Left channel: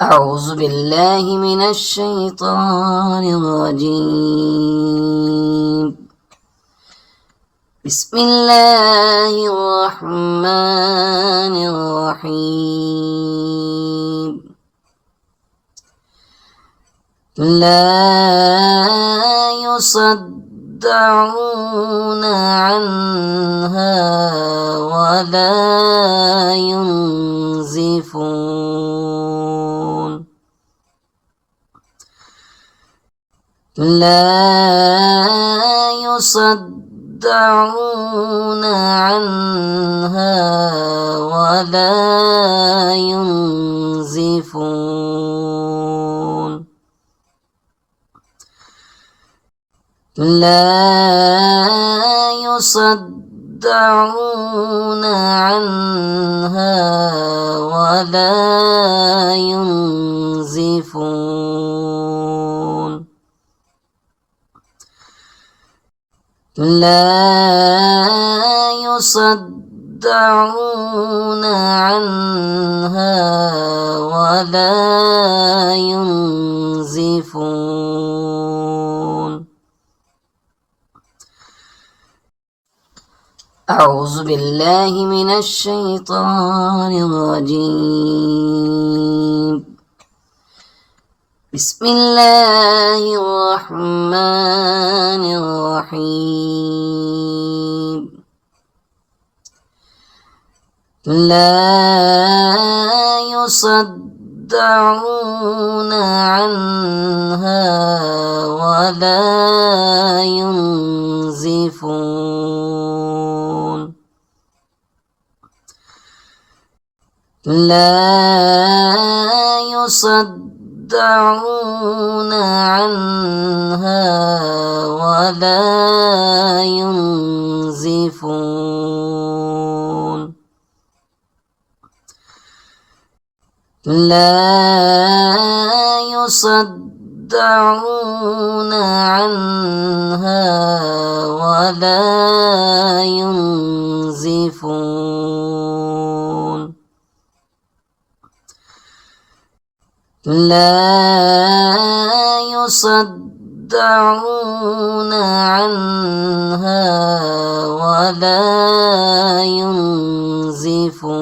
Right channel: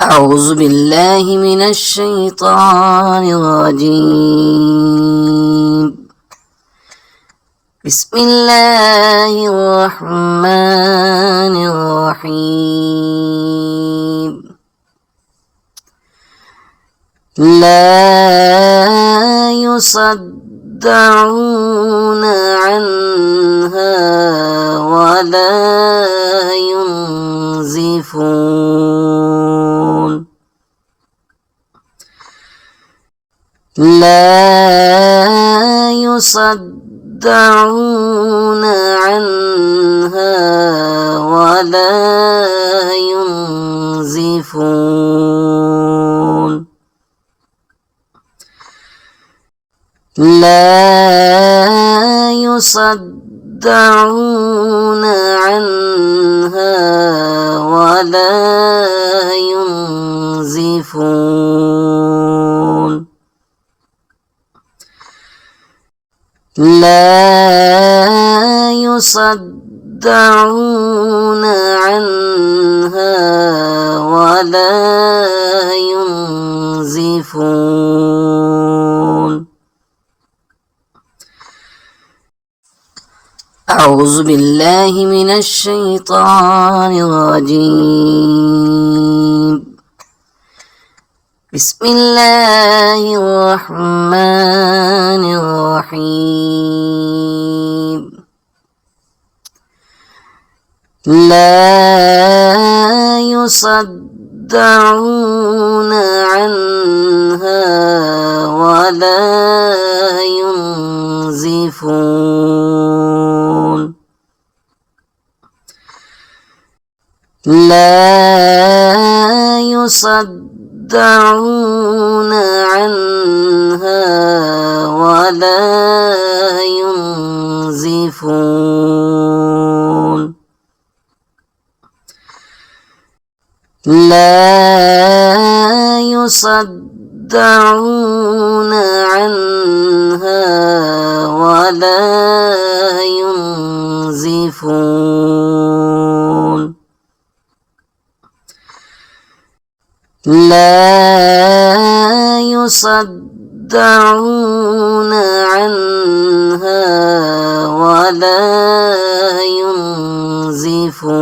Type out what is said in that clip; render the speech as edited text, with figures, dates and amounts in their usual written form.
أعوذ بالله من الشيطان الرجيم. بسم الله الرحمن الرحيم. لا يصدعون عنها ولا ينزفون. لا يصدعون عنها ولا ينزفون. لا يصدعون عنها ولا ينزفون. لا يصدعون عنها ولا ينزفون. أعوذ بالله من الشيطان الرجيم. بسم الله الرحمن الرحيم. لا يصدعون عنها ولا ينزفون. لا يصدعون عنها ولا ينزفون. لا يصدعون عنها ولا ينزفون. لا يصدعون عنها ولا ينزفون.